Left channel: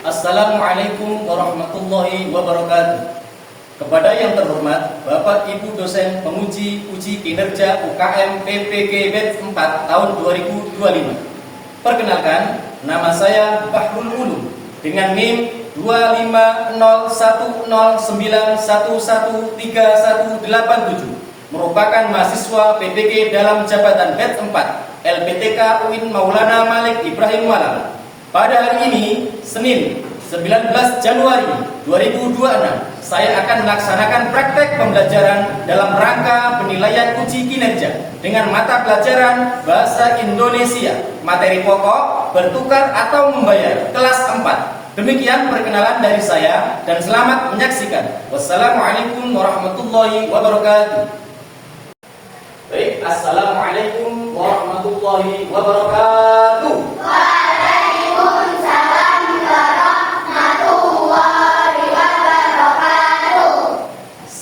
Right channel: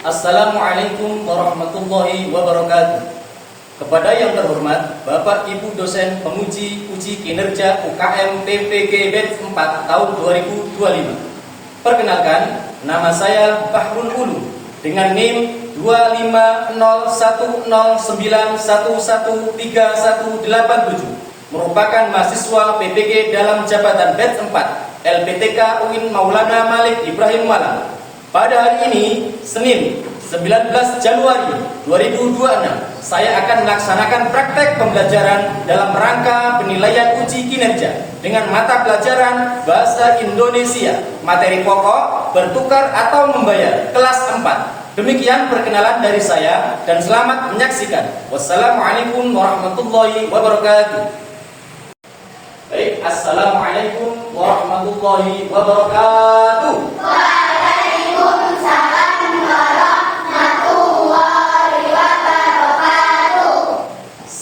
Assalamualaikum warahmatullahi wabarakatuh. Kepada yang terhormat Bapak Ibu dosen penguji uji kinerja UKM PPG Batch 4 tahun 2025. Perkenalkan, nama saya Bahrul Ulum dengan NIM 25010913137, merupakan mahasiswa PPG dalam jabatan Batch 4 LPTK UIN Maulana Malik Ibrahim Malang. Pada hari ini, Senin 19 Januari 2026, saya akan melaksanakan praktek pembelajaran dalam rangka penilaian uji kinerja dengan mata pelajaran Bahasa Indonesia, materi pokok, bertukar atau membayar, kelas 4. Demikian perkenalan dari saya dan selamat menyaksikan. Wassalamualaikum warahmatullahi wabarakatuh. Baik, assalamualaikum warahmatullahi wabarakatuh.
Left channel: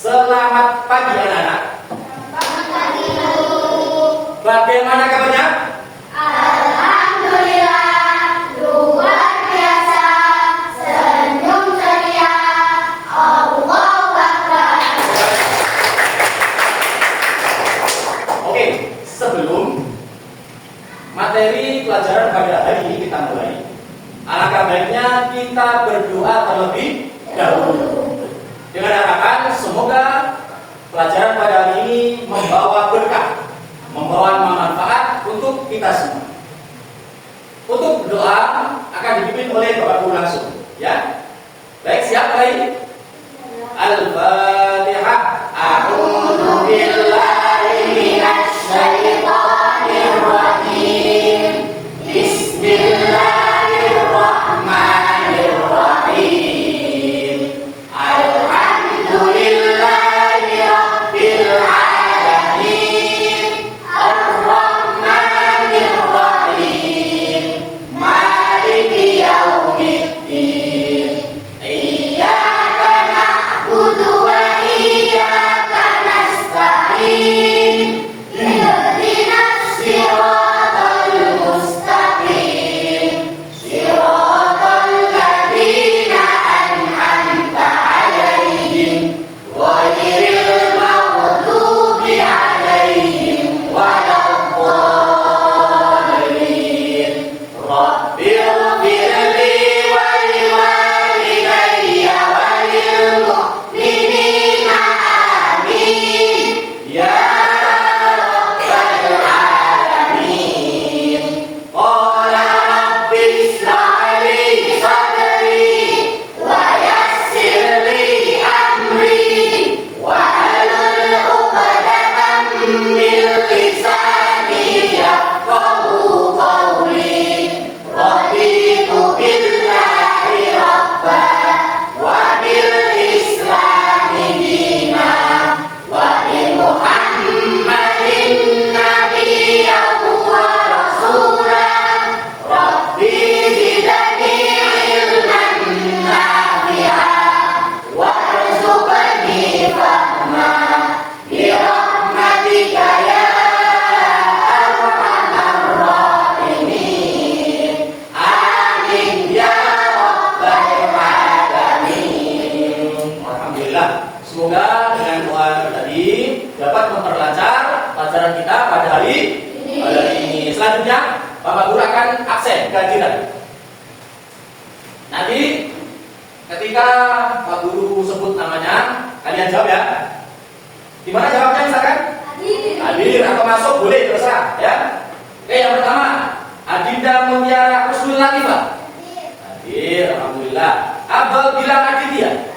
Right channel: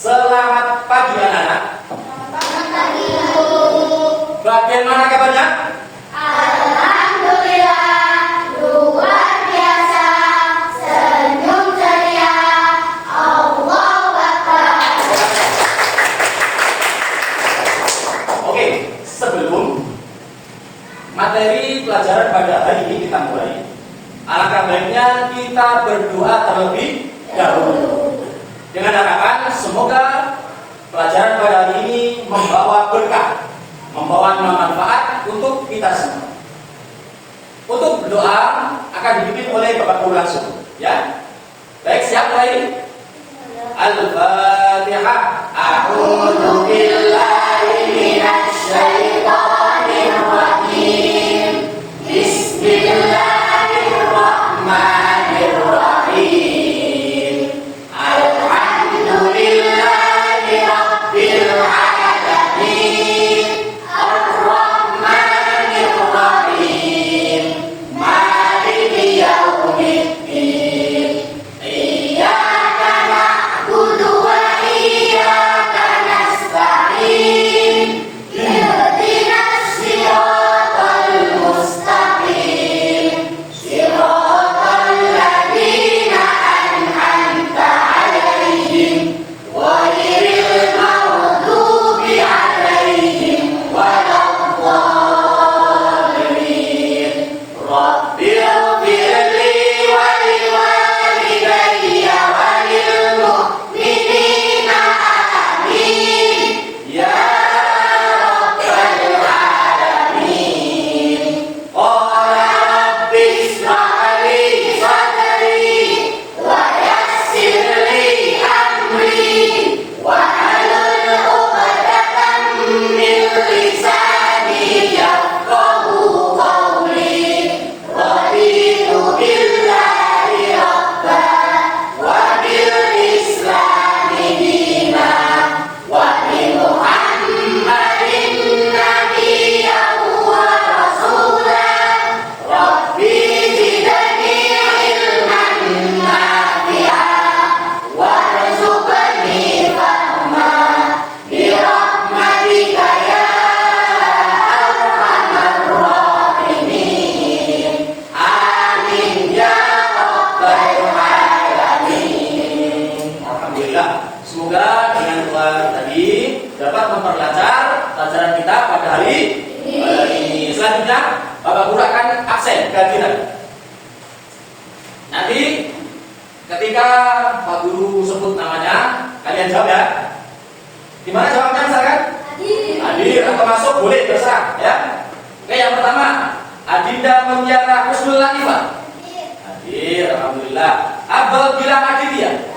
Selamat pagi anak-anak. Bagaimana kabarnya? Alhamdulillah, luar biasa, senyum ceria, Allahu Akbar. Oke, sebelum materi pelajaran pada hari ini kita mulai, alangkah baiknya kita berdoa terlebih dahulu. Dengan harapan semoga pelajaran pada hari ini membawa berkah, membawa manfaat untuk kita semua. Untuk berdoa akan dipimpin oleh Bapak Guru langsung, ya. Baik, siap baik. Al-Fatihah. A'udzu billahi minasy syaithanir rajim. Bismillahirrahmanirrahim. Semoga dengan doa tadi dapat memperlancar pelajaran kita pada hari ini. Selanjutnya, Bapak Guru akan absen kehadiran. Nanti ketika Pak Guru sebut namanya, kalian jawab ya. Gimana jawabnya misalkan? Hadir atau masuk boleh, terserah ya. Oke, yang pertama, Adinda Mutiara Husnul Latifah. Hadir, alhamdulillah. Abel Bilang Aditya.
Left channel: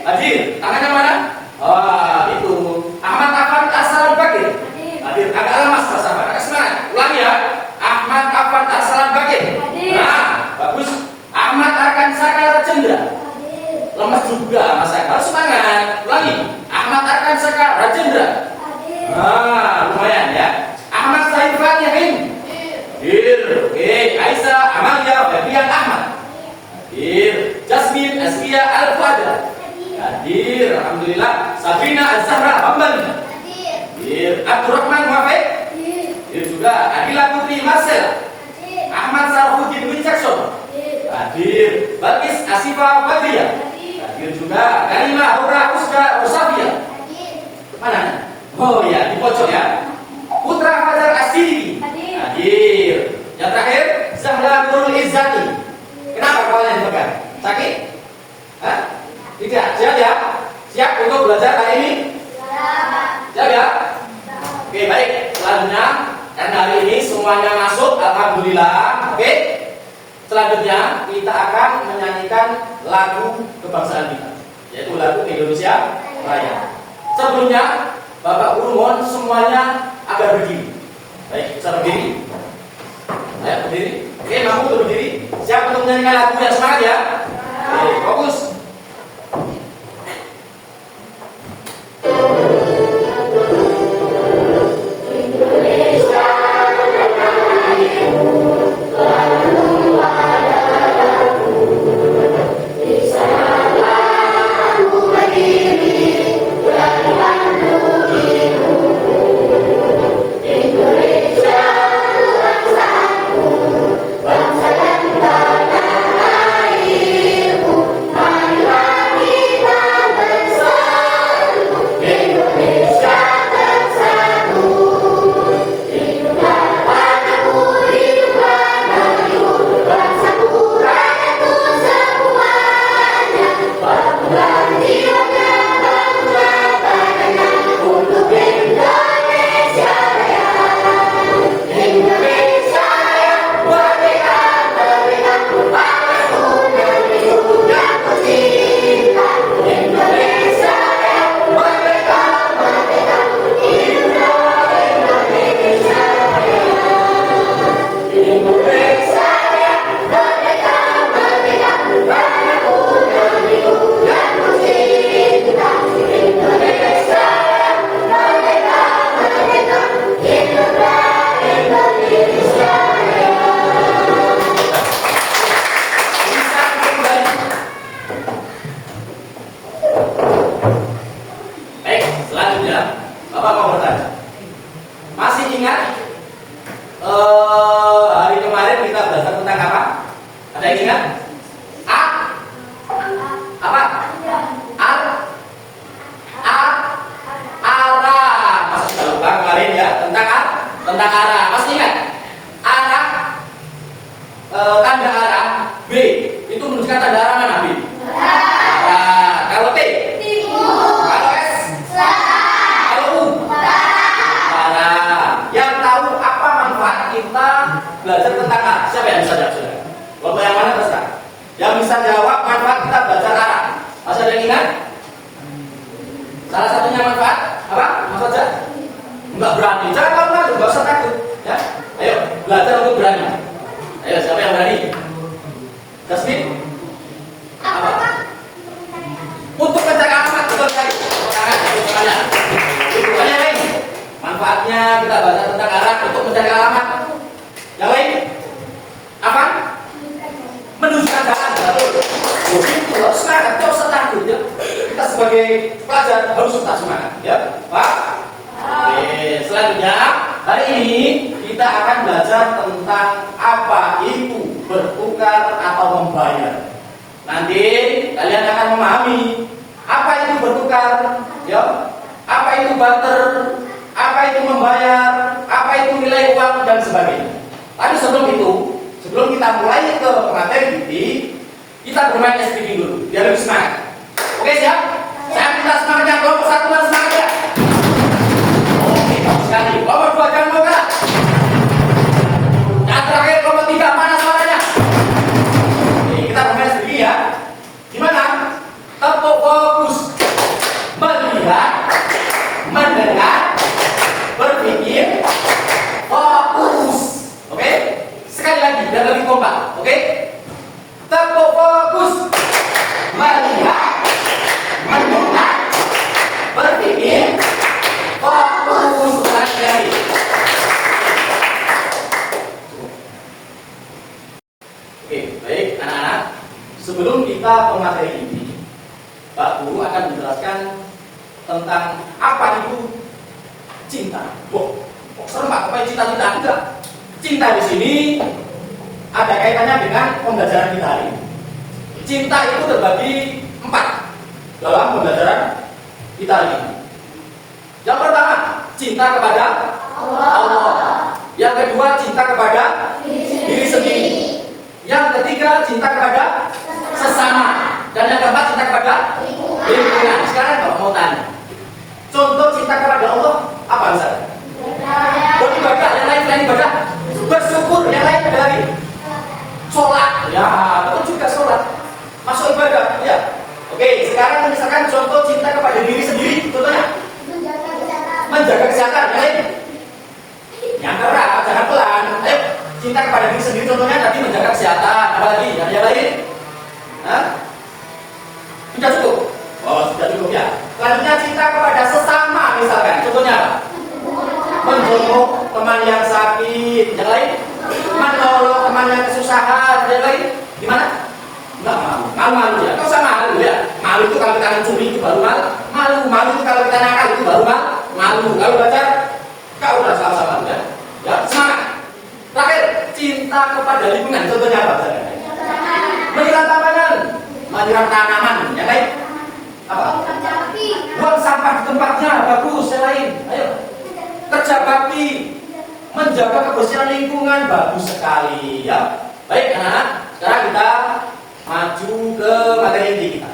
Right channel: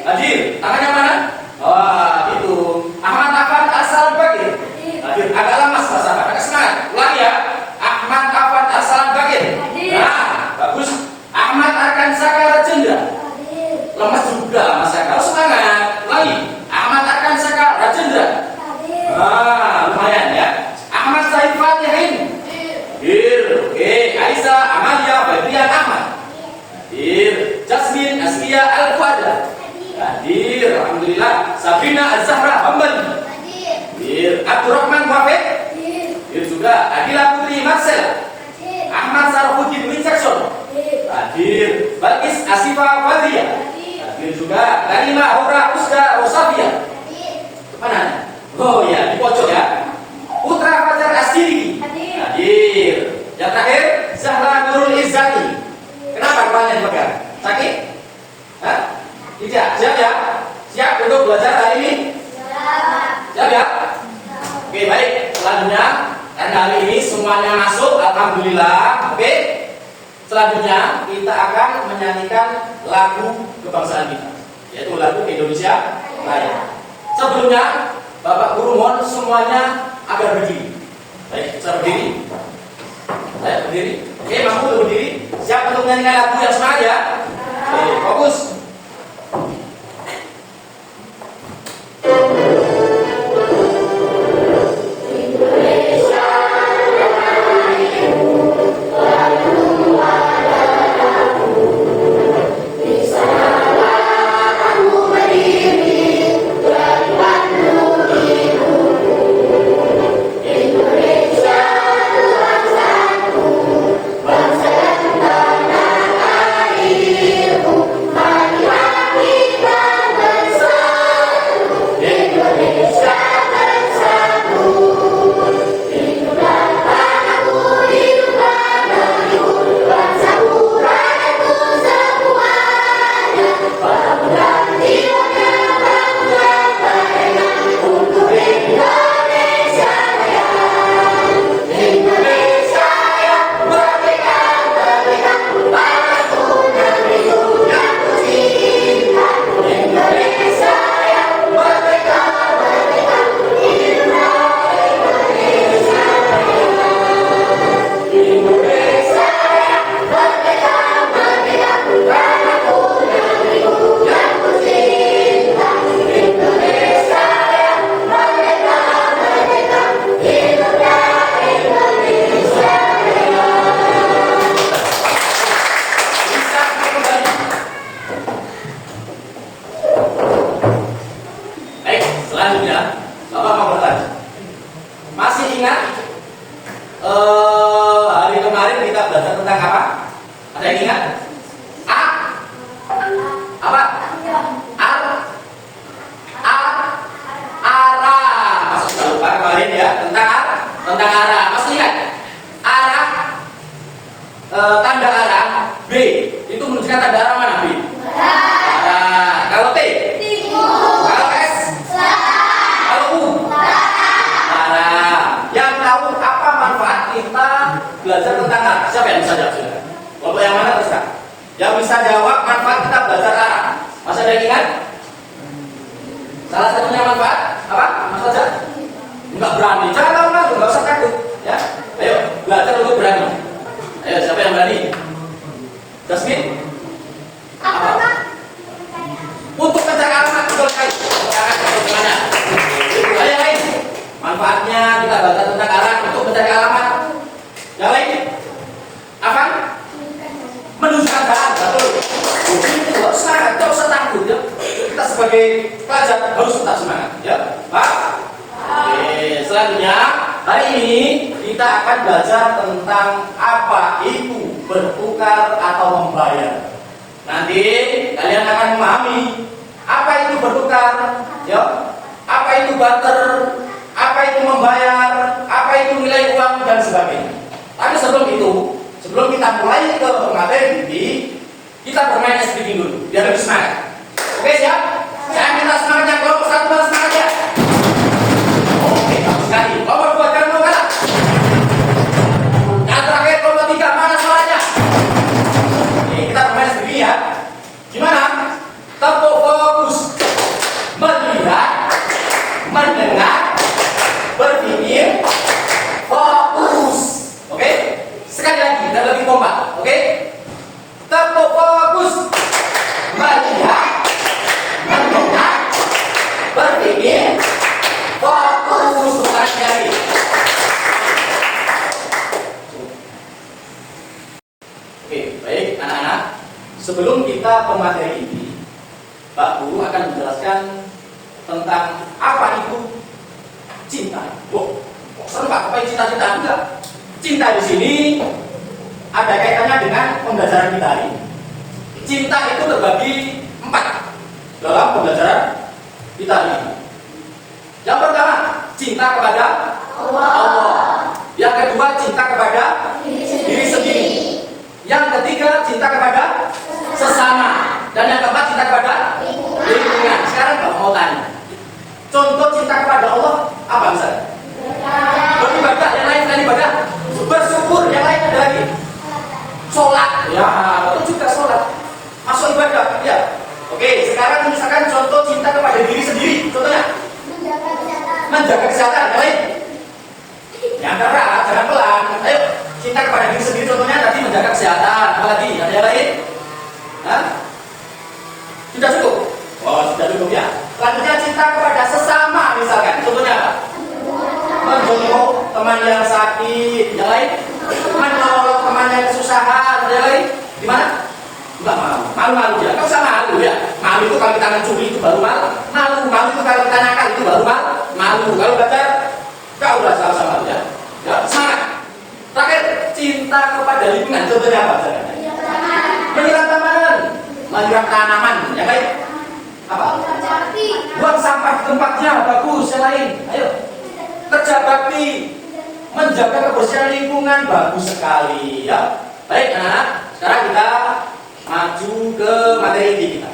Hadir, tangannya mana? Wah, itu. Ahmad Afan Arsalan Bakir. Hadir, agak lemas rasanya, agak semangat. Ulangi ya. Ahmad Afan Arsalan Bakir. Nah, bagus. Ahmad Arkan Sakala Rajendra. Lemas juga Mas Sakala, semangat. Ulangi. Ahmad Arkan Sakala Rajendra. Nah, lumayan ya. Ahmad Saifan Yahin. Hadir. Oke, Aisyah Amalia Febrian Ahmad. Hadir. Jasmine Askia Al-Fadla. Hadir, alhamdulillah. Sabrina Az-Zahra Hambali. Hadir. Abdurrahman Wafid. Hadir juga. Adila Putri Marcel. Ahmad Sarfuddin Wincakson. Hadir. Balkis Yang terakhir, Zahra Nurul Izzati. Kenapa kepalanya dipegang? Sakit? Hah? Tidak. Siap ya? Siap untuk belajar hari ini? Siap ya? Oke, baik. Selanjutnya, karena hari ini semuanya masuk, alhamdulillah. Oke. Selanjutnya kita akan menyanyikan lagu kebangsaan kita, yaitu lagu Indonesia Raya. Sebelumnya, Bapak Guru mohon semuanya agar berdiri. Baik, bisa berdiri. Ayo berdiri. Oke, mampu untuk berdiri. Siap untuk menyanyikan lagu yang semangat ya? Oke, fokus. Hari kemarin kita belajar tentang apa? Ada yang ingat? Apa? Arah. Masih tak lupa kemarin ya tentang arah. Masih ingat? Arah, tanda arah B itu menunjukkan tanda arah mana B? Kalau T? Kalau S? Kalau U? Yang tahu apa manfaat kita belajar tentang arah? Siapa yang bisa jawab? Kelompok yang mana terus? Yang bisa jawab manfaat kita belajar arah? Masih ada yang ingat? Salah satunya manfaat apa? Mas Raja? Enggak berani. Jangan malu-malu, enggak usah takut. Ya, ayo belajar untuk berani. Ayo, siapa yang berani? Jasmine? Apa? Untuk mencari alamat, betul sekali. Untuk semuanya. Itu aja yang lain. Manfaatnya kita belajar tentang arah untuk mencari alamat. Yang lain? Apa? Menunjukkan jalan, betul. Itu harus semangat, tidak usah takut ya. Kita sebagai pelajar harus tetap semangat, ya, Pak. Oke, selanjutnya hari ini kita akan belajar tentang apa itu bertukar atau membayar. Nanti kalian akan memahami apa itu bertukar, ya, apa itu barter, apa itu membayar, apa itu nilai uang dan sebagainya. Tapi sebelum kita mulai ke materi inti, kita bermain es speaking dulu, biar lebih semangat. Oke, siap? Saya minta semangatnya kelompok 1 mana semangatnya? Oke, bagus sekali. Kelompok 2 jangan mau kalah. Yang terakhir kelompok 3 mana suaranya? Oke, kita bermain es speaking ya. Gimana? Tempo fokus, melihat, mendengar, berpikir, fokus. Oke? Sekali lagi, dan lebih kompak. Oke? Tempo fokus, melihat, mendengar, berpikir, fokus. Sekali lagi. Oke, baik anak-anak. Sebelum kita ke materi ini, Pak Guru akan menjelaskan tentang apa itu cinta. Kok serem Pak? Apa itu cita-cita? Enggak. Cinta di sini ada kaitannya dengan pembelajaran kita hari ini. Cinta itu terbagi 4 dalam pembelajaran kita hari ini. Yang pertama, cinta kepada Allah. Yang kedua, cinta kepada cinta kepada sesama. Dan yang keempat, cinta kepada lingkungan. Sekarang Bapak mau tanya, contoh cinta kepada Allah apa misalnya? Beribadah, yang lain selain ibadah. Bersyukur, yang lain ada lagi. Sholat, ya itu juga sholat. Masuk ibadah, ya. Oke, sekarang misalkan contoh cinta kepada diri sendiri, contohnya menjaga kesehatan, yang lain. Yang keras, jangan pelan. Ayo, cinta kepada diri sendiri, contohnya tadi menjaga kesehatan, apalagi yang lain. Hah? Sudah cukup? Oh, sudah cukup ya. Selanjutnya cinta kepada sesama, misalkan, contohnya apa? Menjenguk teman yang sakit, yang lain. Menolong teman yang kesusahan, yang lain. Gimana? Enggak malu, malu ya. Kau usah malu ya. Malu itu kalau kita mencuri itu baru malu. Malu itu kalau kita nakal itu baru malu. Kalau belajar, kau udah sama-sama ya. Ya, semangat. Terakhir, cinta kepada lingkungan, contohnya apa? Menyiram tanaman, menyiram tanaman, yang lain. Apa? Buang sampah di tempatnya, bagus. Yang lain, ayo. Kerja bakti, menjaga kebersihan lingkungan, bagus sekali ya. Baik anak-anak, sekarang kita maju ke materi inti kita.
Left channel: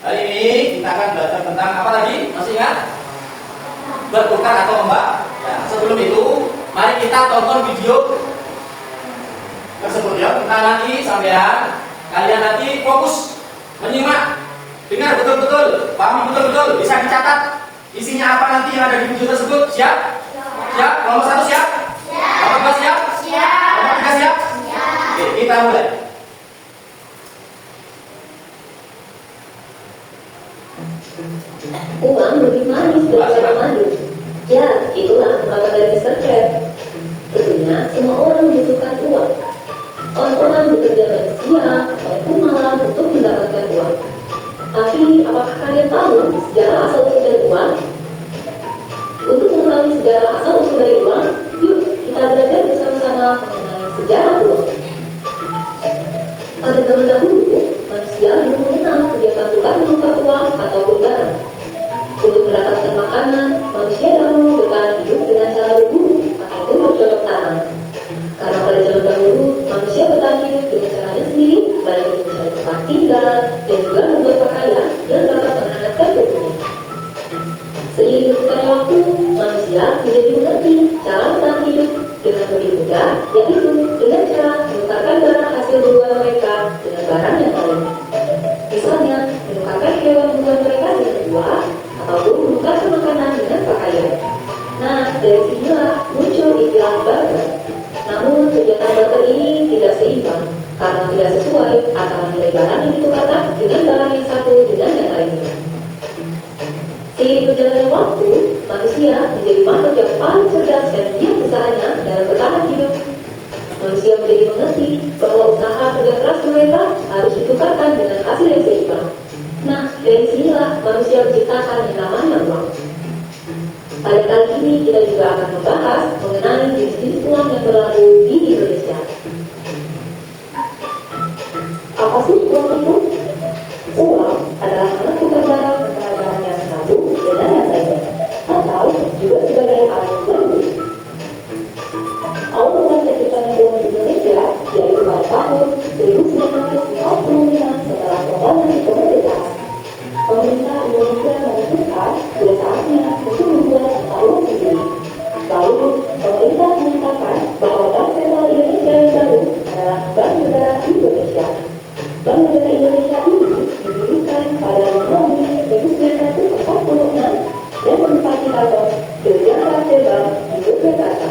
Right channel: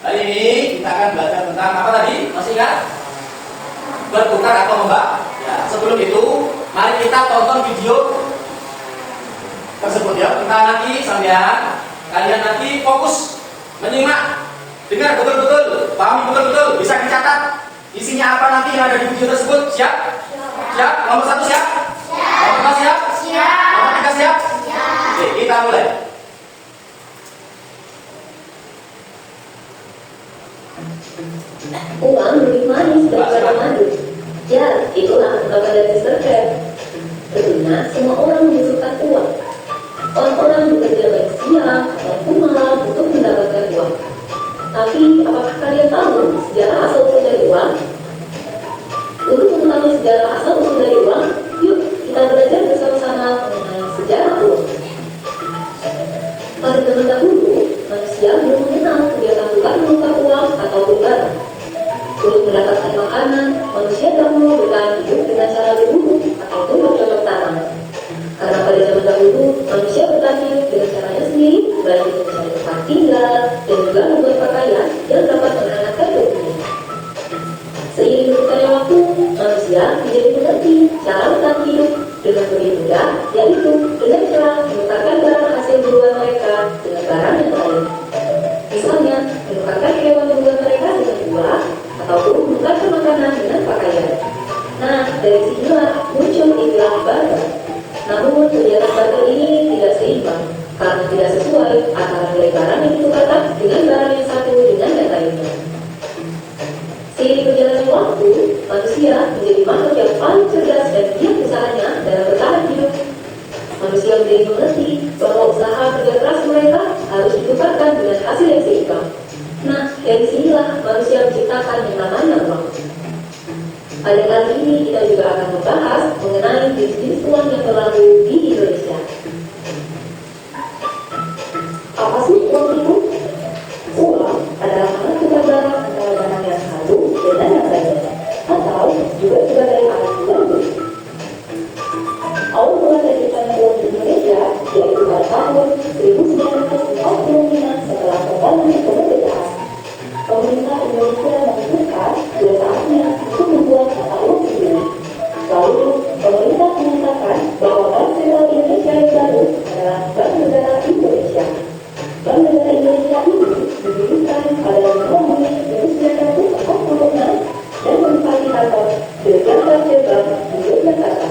Hari ini kita akan belajar tentang apa tadi? Masih ingat? Bertukar atau membak? Ya, sebelum itu, mari kita tonton video tersebut ya. Kita lagi sampean, kalian nanti fokus menyimak, dengar betul-betul, pahami betul-betul, bisa dicatat isinya apa nanti yang ada di video tersebut. Siap? Siap? Nomor 1 siap? Nomor 2 siap? Nomor 3 siap? Oke, kita mulai. Uang lebih manis daripada madu. Ya, itulah maka dari Mr. Krabs. Tentunya semua orang membutuhkan uang. Orang-orang bekerja baik siang maupun malam untuk mendapatkan uang. Tapi apakah kalian tahu sejarah asal-usul dari uang? Untuk mengetahui sejarah asal-usul dari uang, yuk kita belajar bersama-sama mengenai sejarah uang. Pada zaman dahulu, manusia belum mengenal kebiasaan tukar menukar uang ataupun barang. Untuk mendapatkan makanan, manusia dahulu bertahan hidup dengan cara berburu ataupun bercocok tanam. Karena pada zaman dahulu, manusia bertahan hidup dengan caranya sendiri, baik itu mencari tempat tinggal dan juga membuat pakaian yang dapat menghangatkan tubuhnya. Seiring berjalannya waktu, manusia menjadi mengerti cara bertahan hidup dengan lebih mudah, yaitu dengan cara menukarkan barang hasil buruan mereka dengan barang yang lain. Misalnya, menukarkan hewan buruan mereka dengan buah, ataupun menukarkan makanan dengan pakaian. Nah, dari sinilah muncul istilah barter. Namun, kegiatan barter ini tidak seimbang karena tidak sesuai antara nilai barang yang ditukarkan dengan barang yang satu dengan yang lainnya. Seiring berjalannya waktu, manusia menjadi makhluk yang paling cerdas dan giat usahanya dalam bertahan hidup. Manusia menjadi mengerti bahwa usaha kerja keras mereka harus ditukarkan dengan hasil yang seimbang. Nah, dari sinilah manusia menciptakan yang namanya uang. Pada kali ini kita juga akan membahas mengenai jenis uang yang berlaku di Indonesia. Apa sih uang itu? Uang adalah alat tukar barang antara zaman yang satu dan yang lainnya, atau juga sebagai alat tukar beli. Awal mula terciptanya uang di Indonesia yaitu pada tahun 1945 setelah kembali kemerdekaan. Pemerintah Indonesia memutuskan sudah saatnya untuk membuat mata uang sendiri. Lalu pemerintah menyatakan bahwa Bank Sentral Indonesia yang baru adalah Bank Negara Indonesia. Bank Negara Indonesia ini didirikan pada tahun 1946 dan menempati kantor di Jakarta Selatan di Yogyakarta.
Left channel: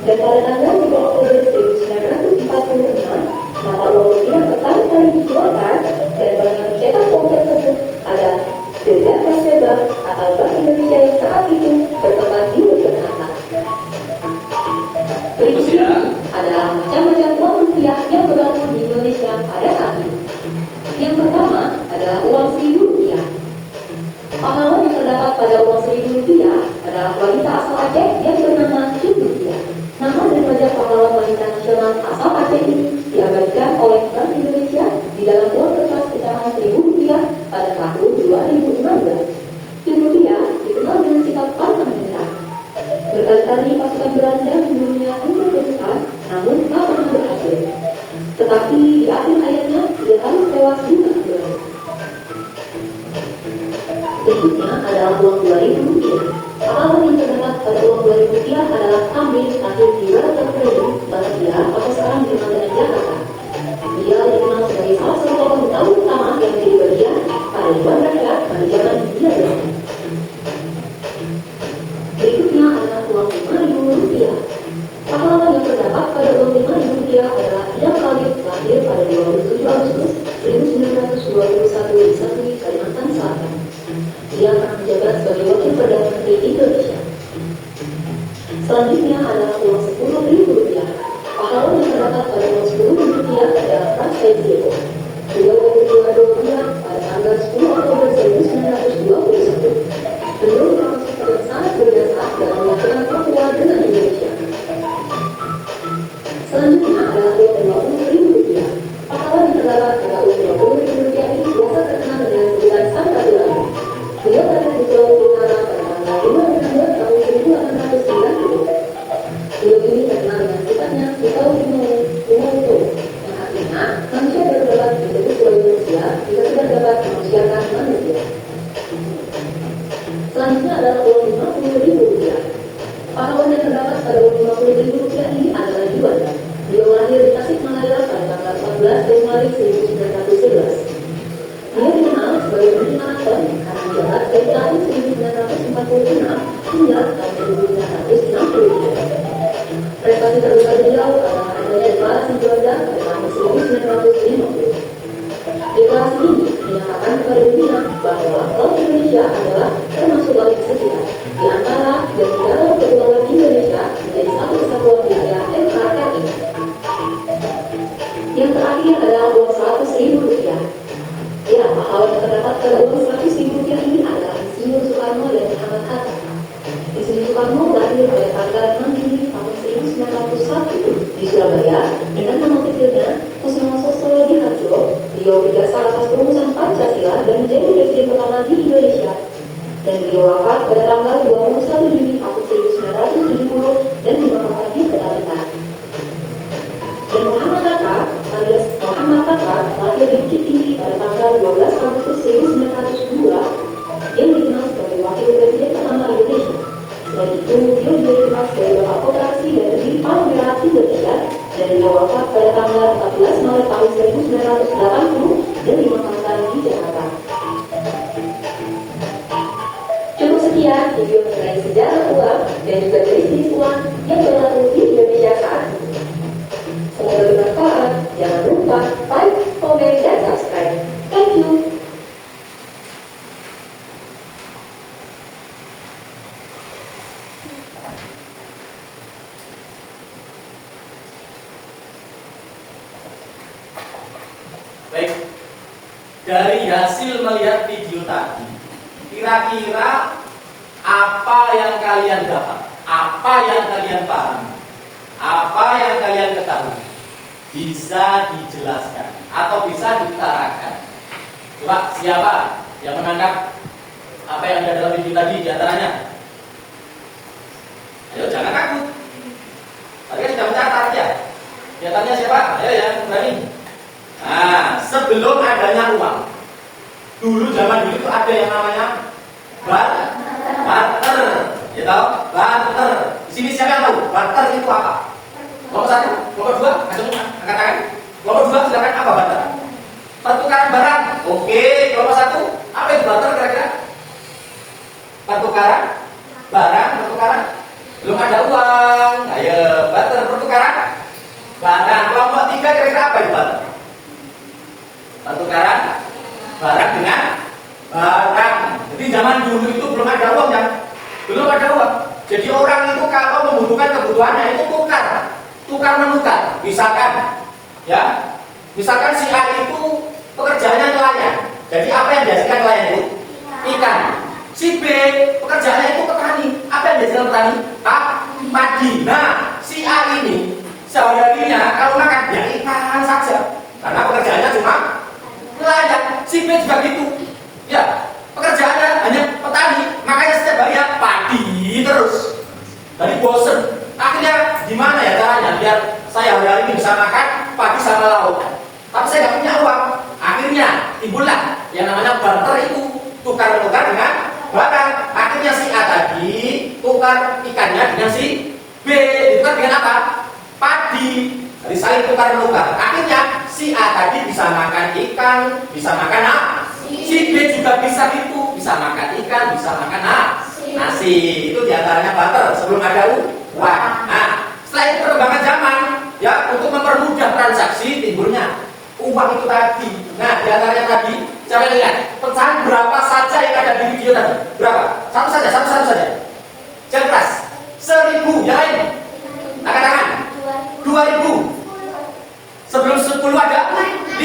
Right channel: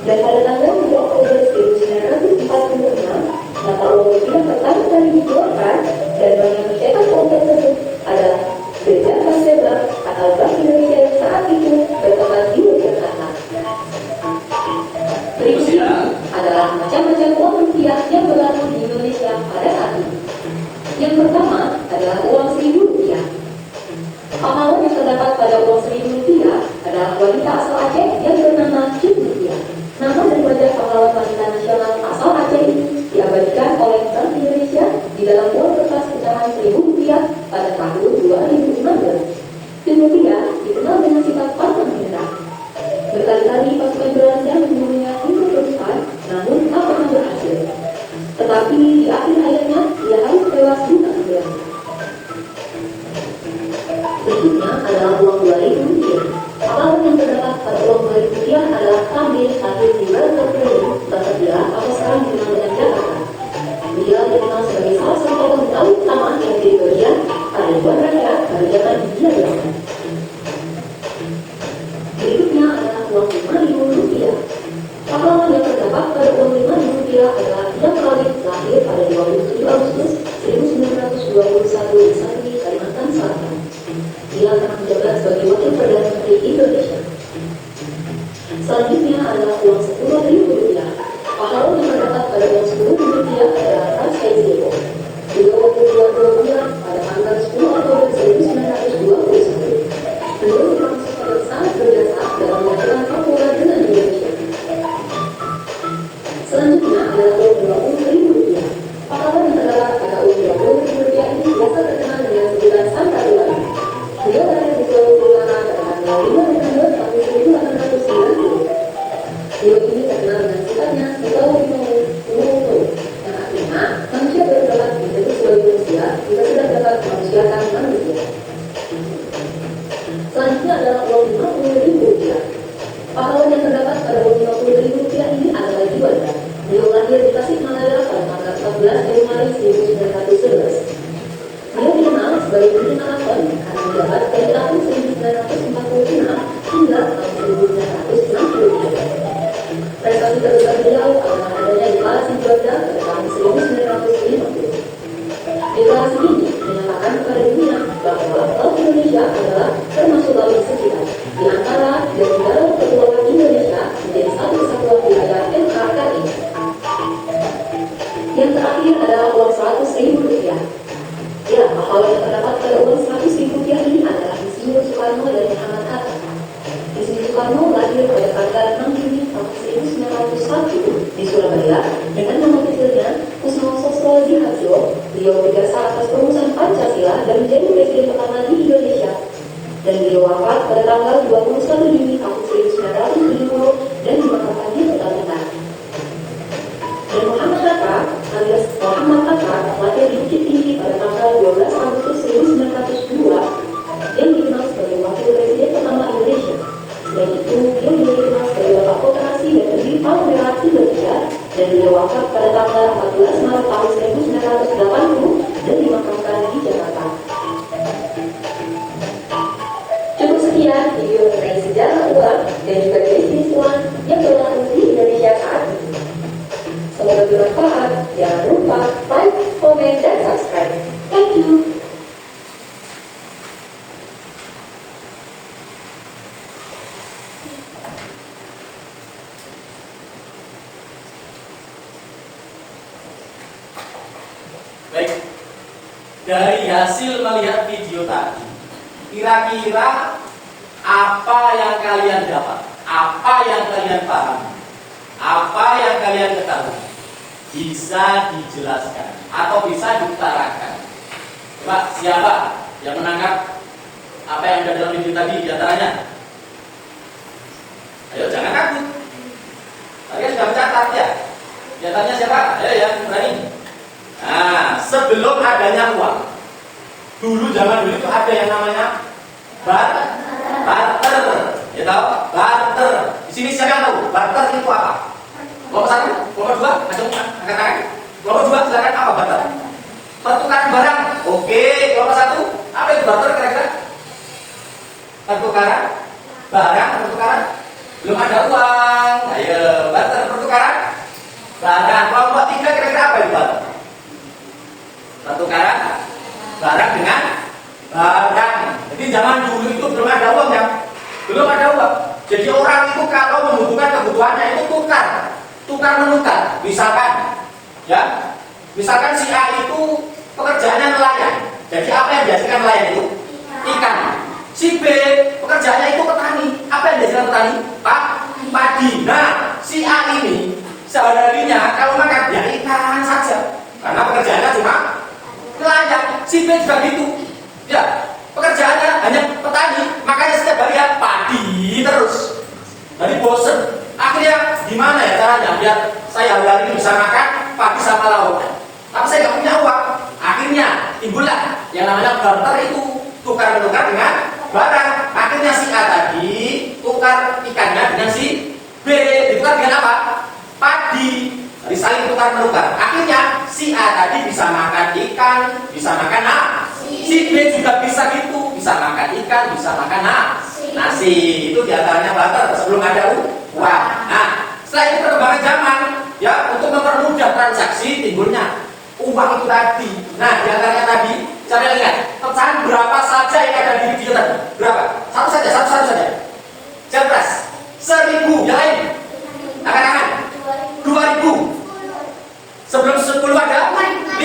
Dan pada tanggal 2 Oktober 1946, mata uang rupiah pertama kali dikeluarkan dan bank yang mencetak uang tersebut adalah The Jakarta Bank atau Bank Indonesia yang saat itu bertempat di Yogyakarta. Berikut ini adalah macam-macam uang rupiah yang berlaku di Indonesia pada saat ini. Yang pertama adalah uang Rp1.000. Pahlawan yang terdapat pada uang Rp1.000 adalah wanita asal Aceh yang bernama Cuk Rupiah. Nama dan wajah pahlawan wanita nasional asal Aceh ini diabadikan oleh Bank Indonesia di dalam uang kertas pecahan Rp1.000 pada tahun 2015. Rupiah dikenal dengan sifat pantang menyerah. Berkali-kali pasukan Belanda membunuhnya untuk berdepan, namun tak pernah berhasil. terdapat pada uang Rp5.000 adalah Ida Khalid lahir pada 27 Agustus 1921 di Santri, Kalimantan Selatan. Ia akan menjabat sebagai Wakil Perdana Menteri Indonesia. Selanjutnya adalah uang Rp10.000. Pahlawan yang terdapat pada uang Rp10.000 adalah Pras Hezebo. Beliau berkeluar Rupiah pada tanggal 10 Oktober 1921. Beliau termasuk pada sangat berjasa dalam mengajukan Papua dengan Indonesia. Selanjutnya adalah uang Rp20.000. Pahlawan yang terdapat pada uang Rp20.000 ini biasa terkenal dengan sebutan Sang Katulang. Beliau berada di Sulawesi Utara pada tanggal 5 Desember tahun 1890. Beliau ini terkenal dengan sifatnya Sulawesi Utara, yang artinya manusia baru dapat menjadi Sulawesi Indonesia jika sudah dapat manusiakan manusia. Selanjutnya adalah uang Rp50.000. Pahlawan yang terdapat pada uang Rp50.000 ini adalah Juanda. Beliau lahir di Tasikmalaya pada tanggal 14 Januari 1911. Beliau dikenal sebagai menteri maraton karena menjabat dari tahun 1946 hingga tahun 1963. Prestasi terbesar beliau adalah adanya deklarasi Juanda pada tahun 1950. Deklarasi ini menyatakan kepada dunia bahwa Laut Indonesia adalah termasuk laut sekitar di antara dan di dalam kepulauan Indonesia menjadi satu kesatuan wilayah NKRI. Yang terakhir adalah uang Rp100.000. Ya, pahlawan yang terdapat pada uang Rp100.000 ini adalah Insinyur Soekarno dan Muhammad Hatta. Insinyur Soekarno lahir pada tanggal 6 Juni tahun 1901 di Surabaya dengan nama kecilnya Kusuma Dihadjo. Beliau berjasa atas perumusan Pancasila dan menjadi presiden pertama di Indonesia. Dan beliau wafat pada tanggal 21 Juni tahun 1970 dan dimakamkan di Kalimantan. Dan Muhammad Hatta alias Muhammad Hatta lahir di Bukit Tinggi pada tanggal 12 Agustus 1902 yang dikenal sebagai Wakil Presiden pertama Indonesia. Selain itu, beliau juga dikenal sebagai Bapak Koperasi dan Pendiri Palang Merah Indonesia dan beliau wafat pada tanggal 14 Maret tahun 1980 dan dimakamkan di Jakarta. Cukup sekian video mengenai sejarah uang dan juga bisnis uang yang berlaku di Indonesia saat ini. Semoga bermanfaat. Jangan lupa like, komen, dan subscribe. Thank you. Baik, dari hasil melihat video tadi, kira-kira apa yang kalian dapat? Apa yang kalian pahami? Apa yang kalian ketahui? Bisa dijelaskan atau bisa diutarakan. Coba siapa yang menangkap apa yang ada dalam video tadi di antaranya? Ayo jangan takut. Kalian sudah mencatat ya. Di antaranya siapa? Ayo yang berani. Nah, sebelum adanya uang, dulu zaman dulu itu ada yang namanya barter. Ya tahu? Barter. Di sini siapa yang tahu? Barter itu apa? Nomor 1, nomor 2, angkat tangan. Nomor 2, silakan apa barter? Pertukaran barang. Oke, nomor 1, apa itu barter kira-kira? Pertukaran barang, pertukaran. Belum ada uang. Ayo, barter pertukaran barang. Kelompok 3 kira-kira apa itu barter? Pertukaran barang dengan barang. Jadi zaman dulu itu belum ada uang kan? Belum ada uang. Jadi orang itu kalau membutuhkan kebutuhannya itu tukar menukar. Misalkan si A itu pekerjaannya nelayan. Jadi apa yang dihasilkan nelayan itu? Ikan. Si B pekerjaannya itu petani. Apa yang dihasilkan petani? Padi. Nah, si A ini sehari-harinya kalau makan ya ikan saja. Karena pekerjaannya cuma nelayan. Si B juga gitu. Ya, pekerjaannya hanya petani. Makanya setiap hari ya padi terus. Dari bosen. Akhirnya gimana ya caranya biar saya hari-hari ini bisa makan padi sama lauk? Tapi saya nggak punya uang. Akhirnya timbullah yang namanya barter itu, tukar menukar dengan barang. Akhirnya si A tadi tukar ikannya dengan si B, ditukar dengan apa? Padi. Jadi saling tukar menukar. Akhirnya si A tadi bisa makan ikan, bisa makan si B juga bisa gitu, bisa makan ikan, bisa makan nasi. Itu diantaranya barter sebelum ada uang. Nah, Setelah itu perkembangan zaman, ya untuk mempermudah transaksi timbulnya uang itu tadi. Nah, di antaranya tadi, cara lihat pecahan berapa saja yang ada di video tadi. Berapa? Satu saja. Jangan keras. 1.000, yang lain. Angkat-angkat. 2.000. Sebelum 10 ada 5.000.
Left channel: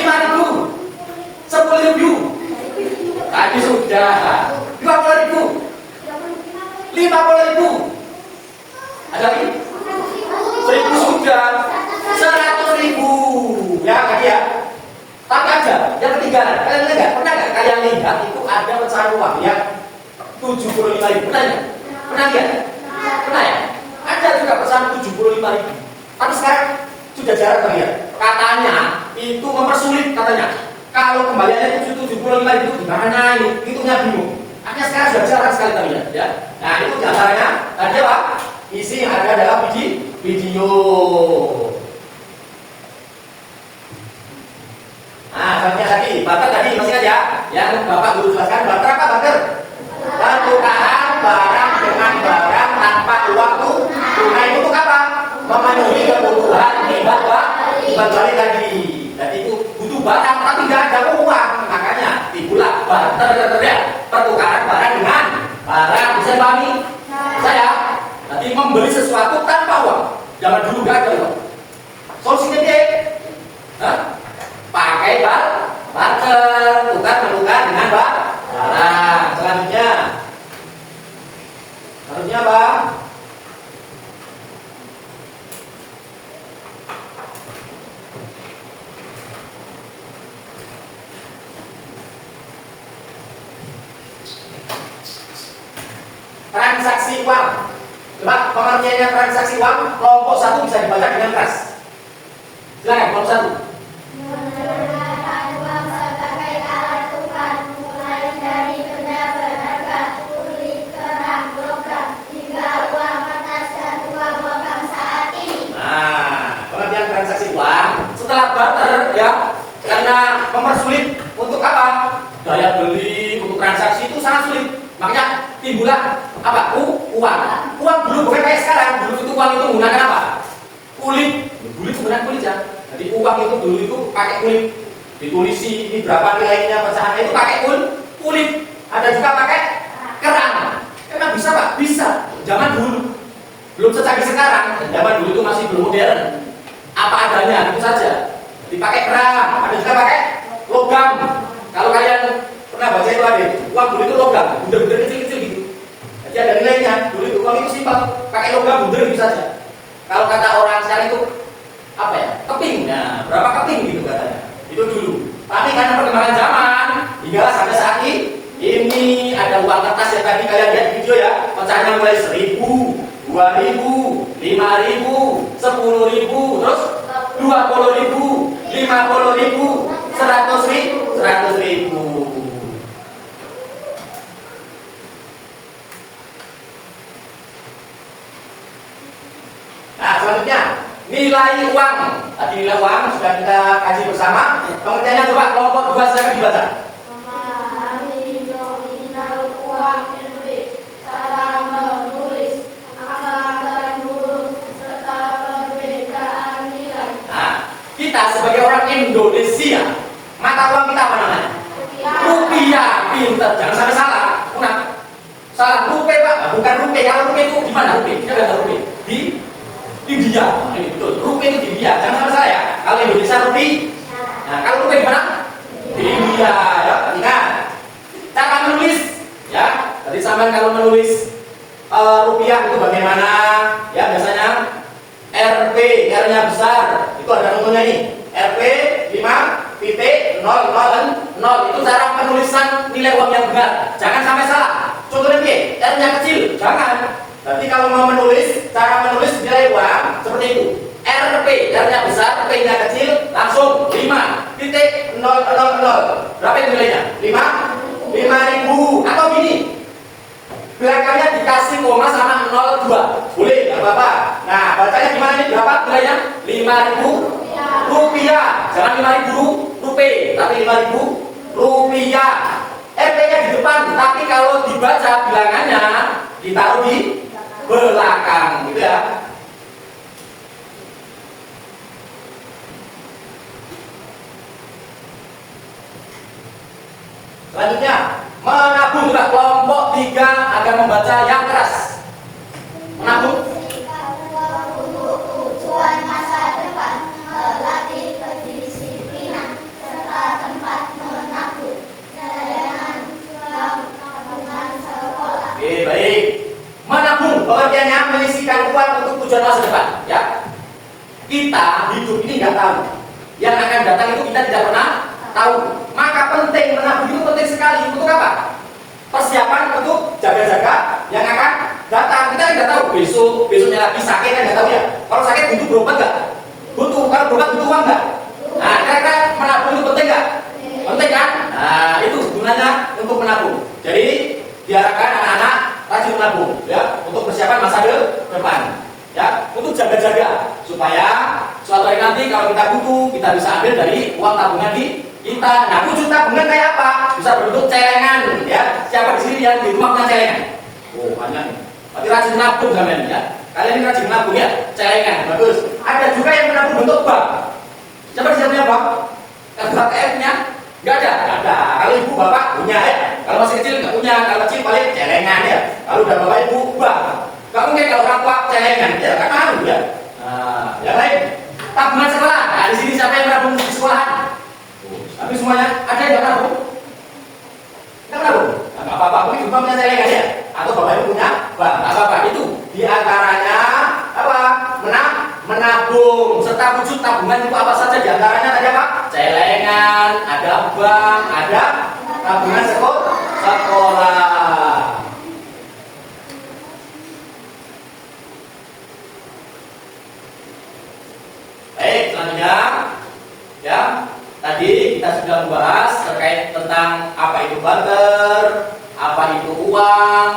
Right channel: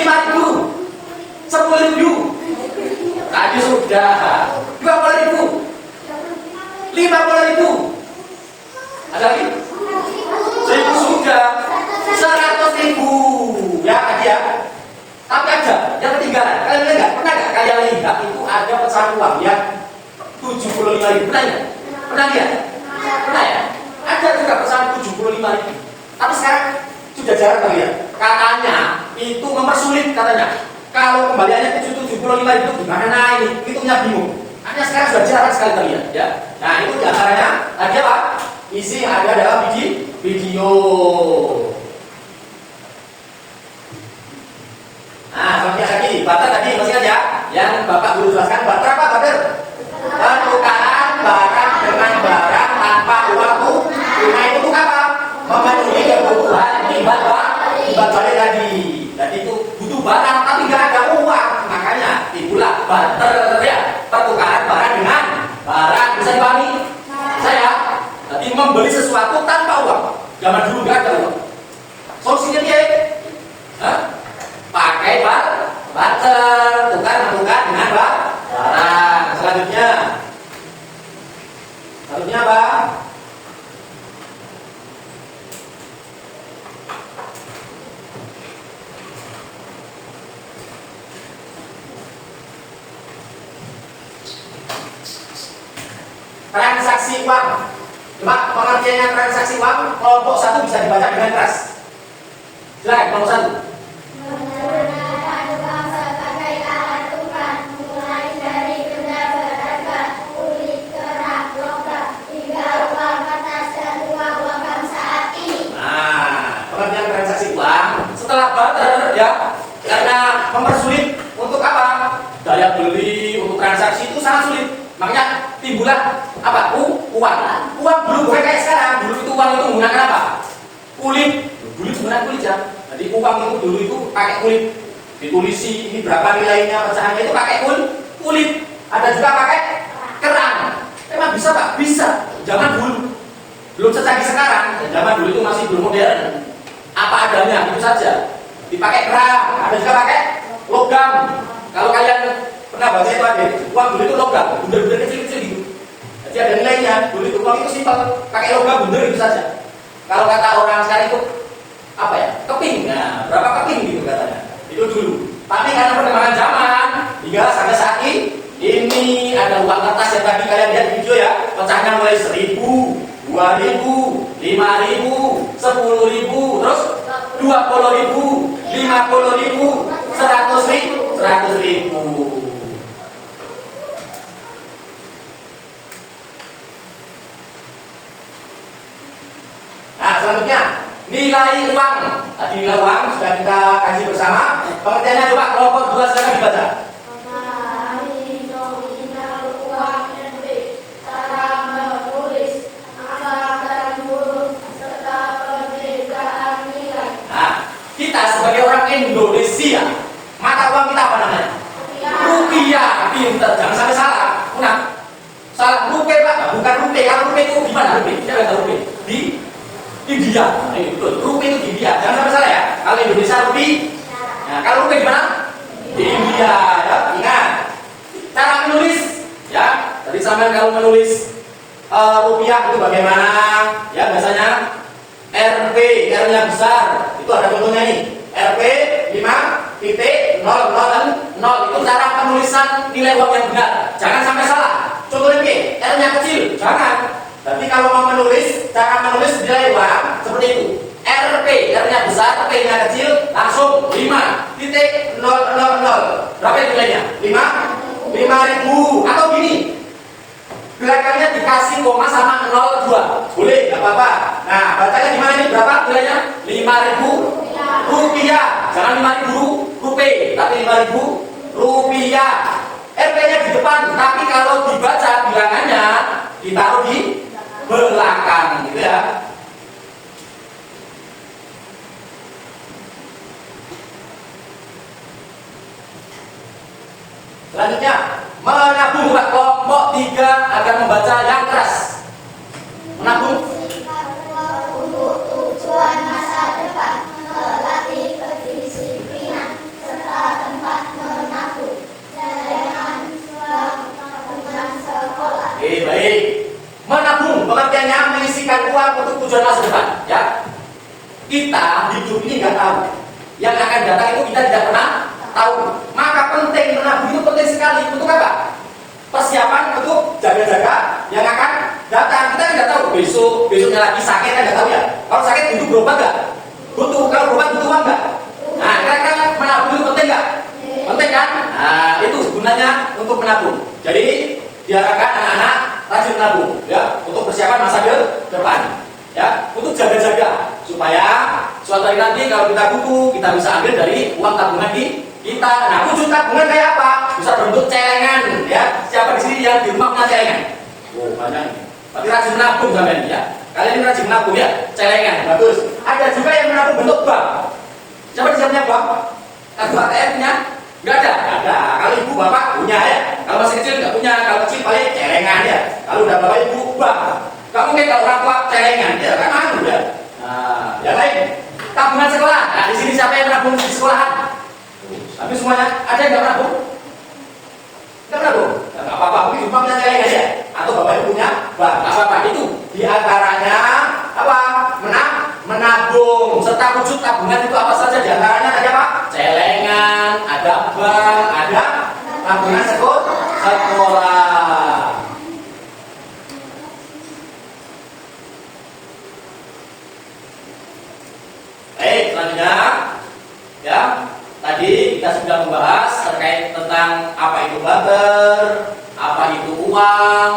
10.000. Tadi sudah 20.000. 50.000. Ada lagi? 1.000 sudah. 100.000. Ya, lagi ya. Tapi ada yang ketinggalan. Kalian lihat nggak? Pernah nggak kalian lihat itu ada pecahan uang yang 75.000? Pernah nggak? Pernah lihat? Pernah ya? Ada juga pecahan 75.000. Tapi sekarang sudah jarang terlihat. Katanya itu mempersulit katanya. Kalau kembaliannya 75.000 gimana ini? Hitungnya bingung. Hanya sekarang sudah jarang sekali terlihat ya. Nah itu diantaranya tadi apa? Isi yang ada dalam video. Nah contohnya tadi, barter tadi masih ada yang Bapak Guru jelaskan. Barter apa barter? Pertukaran barang dengan barang tanpa uang tunai. Itu apa? Memenuhi kebutuhan timbal balik tadi. Jadi itu butuh barang tapi nggak ada uang, makanya timbullah barter ya. Pertukaran barang dengan barang. Bisa pahami? Saya jadi membeli sesuatu tanpa uang. Zaman dulu nggak ada uang. Solusinya dia pakai barter, tukar-menukar dengan barang. Selanjutnya apa? Transaksi uang. Coba pengertiannya transaksi uang kelompok 1 bisa dibaca dengan keras. Silakan kelompok 1. Menggunakan uang sebagai alat tukar, mulai dari benda berharga, kulit, kerang, logam, hingga uang kertas dan uang bank saat ini. Nah, pengertian transaksi uang setelah barter ya, karena mempersulit untuk apa? Daya beli untuk transaksi itu sangat sulit. Makanya timbullah apa? Uang. Uang dulu bukan kayak sekarang. Dulu itu uang itu menggunakan apa? Kulit. Kulit menggunakan kulit ya. Jadi uang itu dulu itu pakai kulit. Ditulisi ini berapa nilainya pecahannya itu pakai kulit. Ada juga pakai kerang. Emang bisa Pak? Bisa. Zaman dulu. Belum secanggih sekarang. Zaman dulu itu masih belum modern. Apa adanya itu saja. Dipakai kerang. Ada juga pakai logam. Kalau kalian pernah baca itu ada uang dulu itu logam, bundar-bundar kecil-kecil gitu. Jadi ada nilainya. Dulu itu uang itu simpel, pakai logam bundar itu saja. Kalau kata orang sekarang itu apa ya? Keping. Nah, berapa keping gitu katanya. Itu dulu. Tapi karena perkembangan zaman hingga sampai saat ini ada uang kertas yang tadi kalian lihat video ya, pecahannya mulai 1.000, 2.000, 5.000, 10.000, terus 20.000, 50.000, 100.000. Nah, selanjutnya nilai uang. Tadi nilai uang sudah kita kaji bersama. Pengertiannya coba kelompok 2 silakan dibaca. Memahami nominal uang negeri, cara menulis, angka dan huruf, serta perbedaan nilai. Nah, kita sebagai orang Indonesia, mata uang kita apa namanya? Rupiah. Pinter, jangan sampai salah. Salah rupiah Pak, bukan rupiah. Kalau rupiah itu di mana rupiah? Kita nggak tahu rupiah. Di India. Ini betul. Rupiah itu di India. Jangan sampai salah ya. Kalau Indonesia rupiah. Nah, kalau rupiah di mana? Di India. Ya, ingat. Cara menulis, ya. Tadi sampai kalau menulis rupiah itu bagaimana? Ya, biasanya RP, R-nya besar. Itu ada contohnya ini. RP 5.000 itu cara penulisan nilai uang yang benar. Jangan sampai salah. Contohnya ini, R-nya kecil. Jangan. Berarti kalau mau menulis, cara menulis nilai uang seperti itu. RP, R-nya besar, P-nya kecil, langsung 5.000. Berapa nilainya? 5.000. Atau gini, belakangnya dikasih koma sama 02. Boleh, nggak apa-apa. Nah, bacanya gimana ini? Berapa nilainya? 5.000 rupiah. Jangan 5.000 rupiah, tapi 5.000 rupiah. RP-nya di depan, tapi kalau dibaca bilangannya ditaruh di belakang, gitu ya. Selanjutnya, menabung. Kelompok 3 akan membaca yang keras. Menabung. Untuk tujuan masa depan, melatih kedisiplinan serta tempat menabung, cadangan tabungan sekolah. Oke, baik. Menabung pengertiannya menyisihkan uang untuk tujuan masa depan, ya. Kita hidup ini nggak tahu. Yang akan datang itu kita tidak pernah tahu. Maka penting menabung itu penting sekali. Untuk apa? Persiapan untuk jaga-jaga yang akan datang. Kita tidak tahu besoknya lagi sakit, kan nggak tahu ya. Kalau sakit butuh berobat nggak? Butuh. Kalau berobat butuh uang nggak? Nah, kira-kira menabung itu penting nggak? Penting kan? Nah, itu gunanya untuk menabung. Jadi diharapkan anak-anak rajin menabung, ya, untuk persiapan masa depan, ya, untuk jaga-jaga supaya suatu hari nanti kalau kita butuh kita bisa ambil dari uang tabungan kita. Nah, wujud tabungan kayak apa? Bisa berbentuk celengan, ya. Siapa di sini yang di rumah punya celengan? Oh, banyak nih. Berarti rajin menabung kalian, ya. Kalian ini rajin menabung, ya. Celengan, bagus. Ada juga yang menabung bentuk bank. Siapa di sini punya bank? Kartu ATM-nya? Nggak ada. Nggak ada. Kalau ibu bapak punya, ya. Kalau masih kecil nggak punya. Kalau kecil paling celengan, ya. Kalau udah bapak ibu bank. Nggak mungkin kalau orang tua celengan, ya. Kan anu, ya. Nah, yang lain tabungan sekolah. Nah, di sini siapa yang menabung di sekolahan? Tapi semuanya ada yang nggak menabung? Nggak menabung? Nggak apa-apa, mungkin umpamanya celengan, ya. Atau bapak ibu punya bank. Nggak apa-apa. Itu diantaranya apa? Menabung. Serta wujud tabungan itu apa saja? Diantaranya ada apa? Celengan, ada bank, ada tabungan sekolah. Baik, selanjutnya, ya, tadi kita sudah membahas terkait tentang apa itu barter, apa itu uang,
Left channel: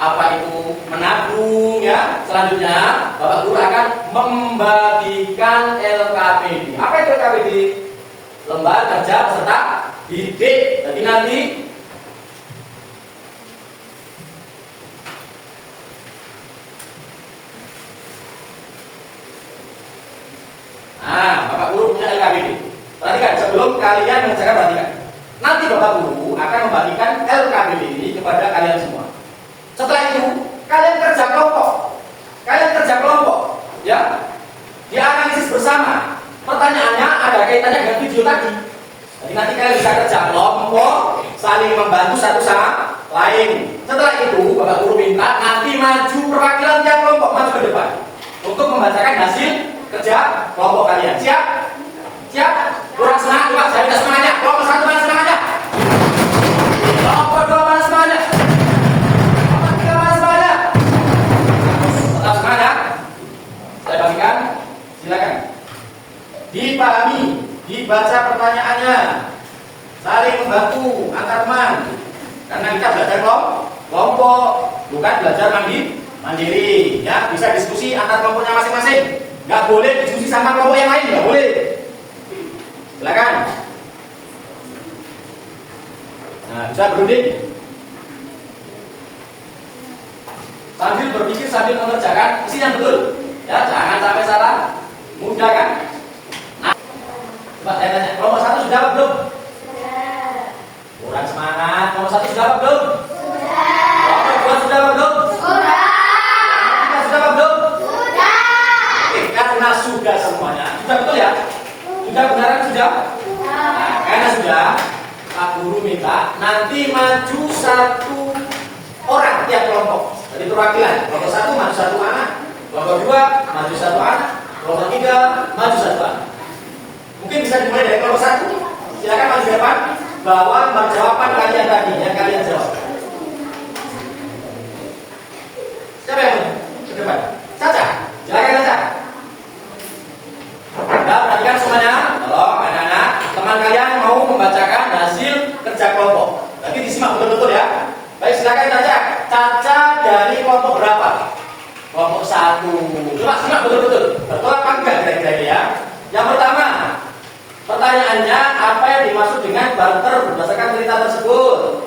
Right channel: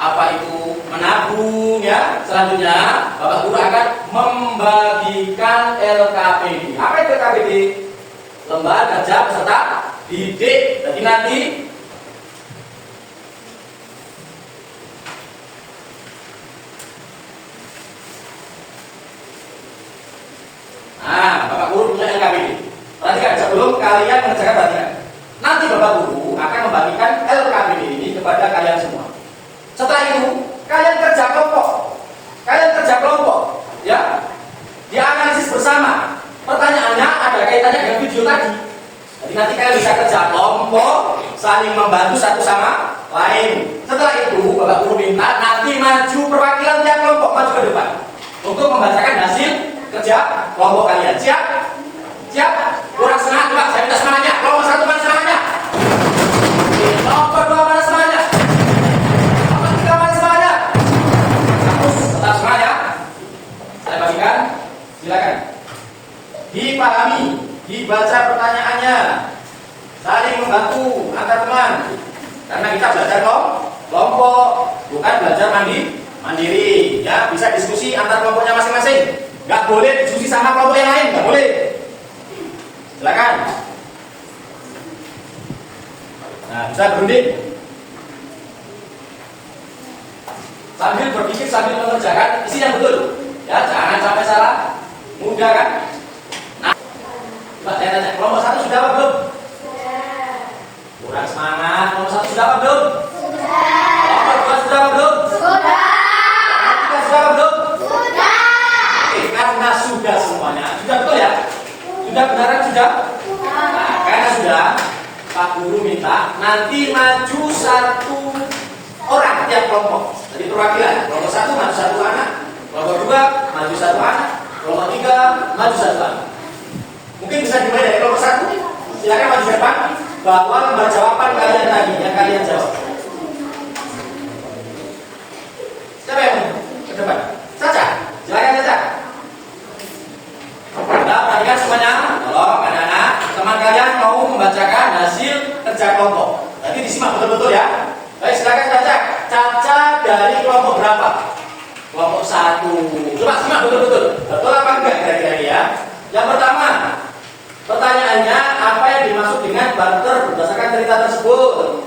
apa itu menabung, ya. Selanjutnya, Bapak Guru akan membagikan LKPD. Apa itu LKPD? Lembaga Kerja Peserta Didik. Jadi nanti Bapak Guru punya LKPD. Perhatikan, sebelum kalian mengerjakan perhatikan. Nanti Bapak Guru akan membagikan LKPD ini kepada kalian semua. Setelah itu, kalian kerja kelompok. Ya. Dianalisis bersama. Pertanyaannya ada kaitannya dengan video tadi. Jadi nanti kalian bisa kerja kelompok, saling membantu satu sama lain. Setelah itu, Bapak Guru minta nanti maju perwakilan tiap kelompok maju ke depan untuk membacakan hasil kerja kelompok kalian. Siap? Siap? Kurang semangat, coba saya minta semangatnya. Kelompok 1 mana semangatnya? Kelompok 2 mana semangatnya? Kelompok 3 mana semangatnya? Tetap semangat, ya. Saya bagikan, silakan. Dipahami, dibaca pertanyaannya, saling membantu antar teman. Karena kita belajar kelompok, bukan belajar mandiri. Ya, bisa diskusi antar kelompoknya masing-masing. Nggak boleh diskusi sama kelompok yang lain, nggak boleh. Silakan. Nah, bisa berunding. Sambil berpikir, sambil mengerjakan isi yang betul. Ya, jangan sampai salah. Mudah kan? Nah, coba saya tanya, kelompok 1 sudah apa belum? Sudah. Kurang semangat. Kelompok 1 sudah apa belum? Sudah. Kelompok 2 sudah apa belum? Sudah. Kelompok 3 sudah apa belum? Sudah. Oke, karena sudah semuanya. Sudah betul ya? Sudah benaran sudah? Nah, karena sudah, Pak Guru minta nanti maju 1 orang tiap kelompok. Jadi perwakilan. Kelompok 1 maju 1 anak. Kelompok 2 maju 1 anak. Kelompok 3 maju 1 anak. Mungkin bisa dimulai dari kelompok 1. Silakan maju depan. Bawa jawaban kalian tadi yang kalian jawab. Siapa yang ke depan? Caca. Silakan Caca. Nah, perhatikan semuanya. Tolong anak-anak, teman kalian mau membacakan hasil kerja kelompok. Nanti disimak betul-betul ya. Baik, silakan Caca. Caca dari kelompok berapa? Kelompok 1. Coba simak betul-betul. Betul apa enggak kira-kira ya? Yang pertama, pertanyaannya apa yang dimaksud dengan barter berdasarkan cerita tersebut?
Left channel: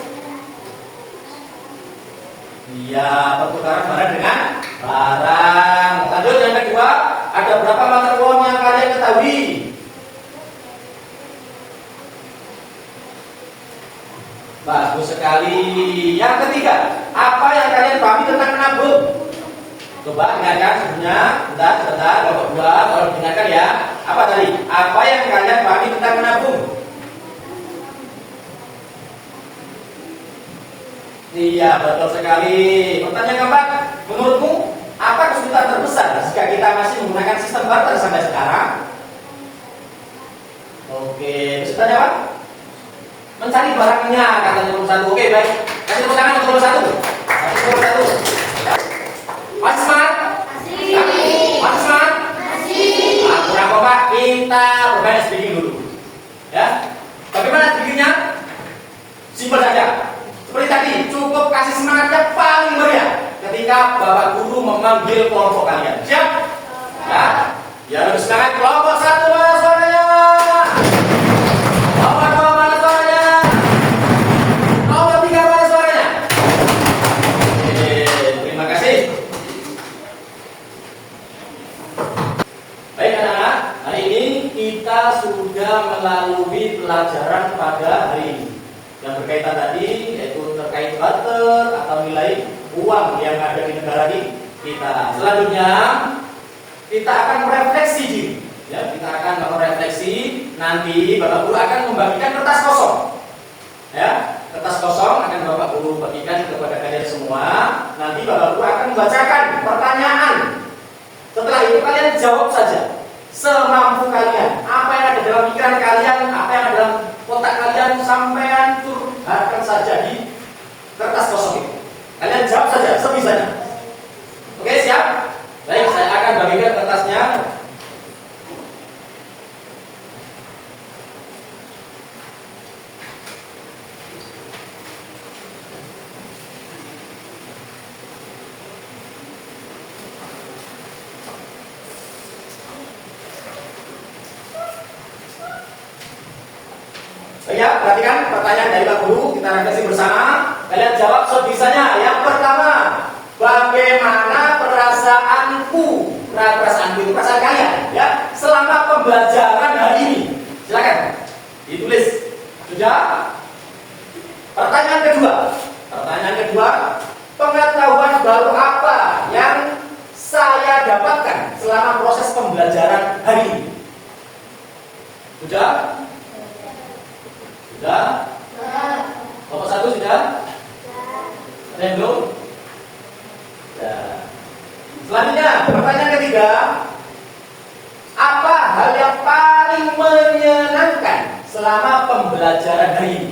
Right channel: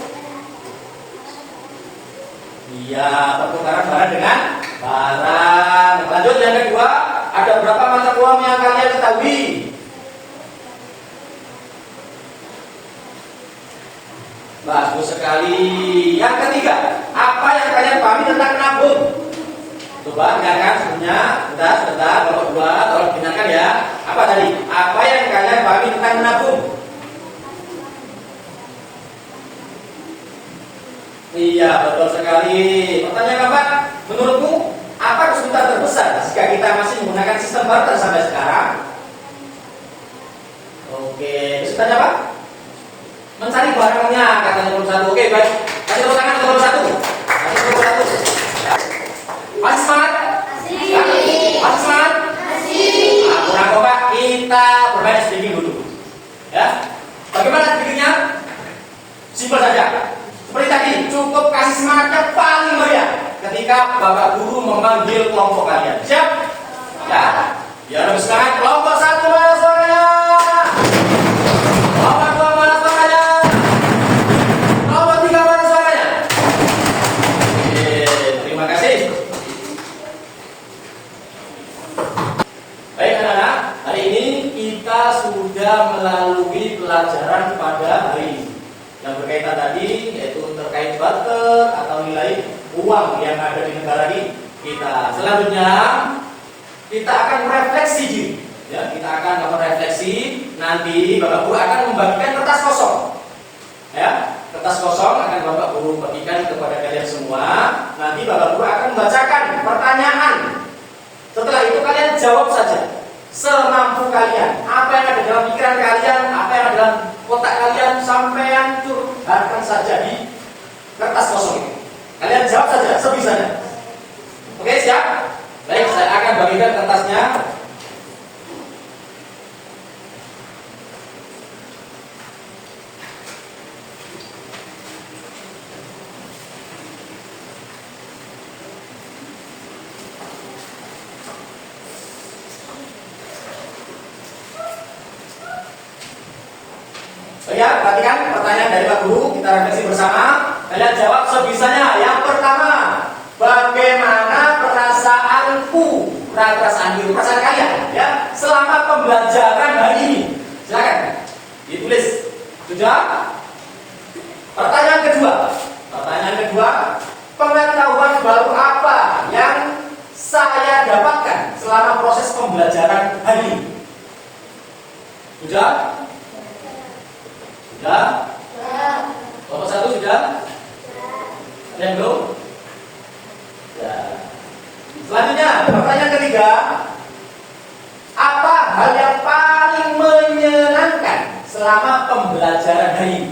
Iya, pertukaran barang dengan barang. Lanjut yang kedua, ada berapa mata uang yang kalian ketahui? sekali. Yang ketiga, apa yang kalian pahami tentang menabung? Coba dengarkan sebelumnya. Sebentar, Bapak dua, tolong dengarkan ya. Apa tadi? Apa yang kalian pahami tentang menabung? Iya, betul sekali. Pertanyaan keempat, menurutmu apa kesulitan terbesar jika kita masih menggunakan sistem barter sampai sekarang? Oke, kesulitannya apa? Mencari barangnya, kata nomor satu. Oke, baik. Kasih tepuk tangan untuk nomor satu. Kasih nomor satu. Ya. Masih semangat? Masih semangat? Nah, kurang apa? Kita bermain speaking dulu. Ya. Bagaimana speakingnya? Simpel saja. Seperti tadi, cukup kasih semangat yang paling meriah ketika Bapak Guru memanggil kelompok kalian. Siap? Ya. Ya, lebih semangat. Kelompok satu, Mas, suaranya. Kelompok dua, mana suaranya? Kelompok tiga, mana suaranya? Oke, terima kasih. Baik, anak-anak. Hari ini kita sudah melalui pelajaran pada hari ini. Yang berkaitan tadi yaitu terkait barter atau nilai uang yang ada di negara ini. Kita selanjutnya kita akan merefleksi diri. Ya, kita akan merefleksi. Nanti Bapak Guru akan membagikan kertas kosong. Ya, kertas kosong akan Bapak Guru bagikan kepada kalian semua. Nanti Bapak Guru akan membacakan pertanyaan. Setelah itu kalian jawab saja semampu kalian. Apa yang ada dalam pikiran kalian, apa yang ada dalam otak kalian, sampean curhatkan saja di kertas kosong itu. Kalian jawab saja sebisanya. Oke, siap? Baik, saya akan bagikan kertasnya. Ya, perhatikan pertanyaan dari Pak Guru, kita refleksi bersama. Kalian jawab sebisanya. Yang pertama, bagaimana perasaanku, perasaan kalian ya selama pembelajaran hari ini? Silakan ditulis. Sudah? Pertanyaan kedua, pengetahuan baru apa yang saya dapatkan selama proses pembelajaran hari ini? Sudah? Sudah? Nomor satu sudah? Ada yang belum? Sudah. Selanjutnya, pertanyaan ketiga, apa hal yang paling menyenangkan selama pembelajaran hari ini?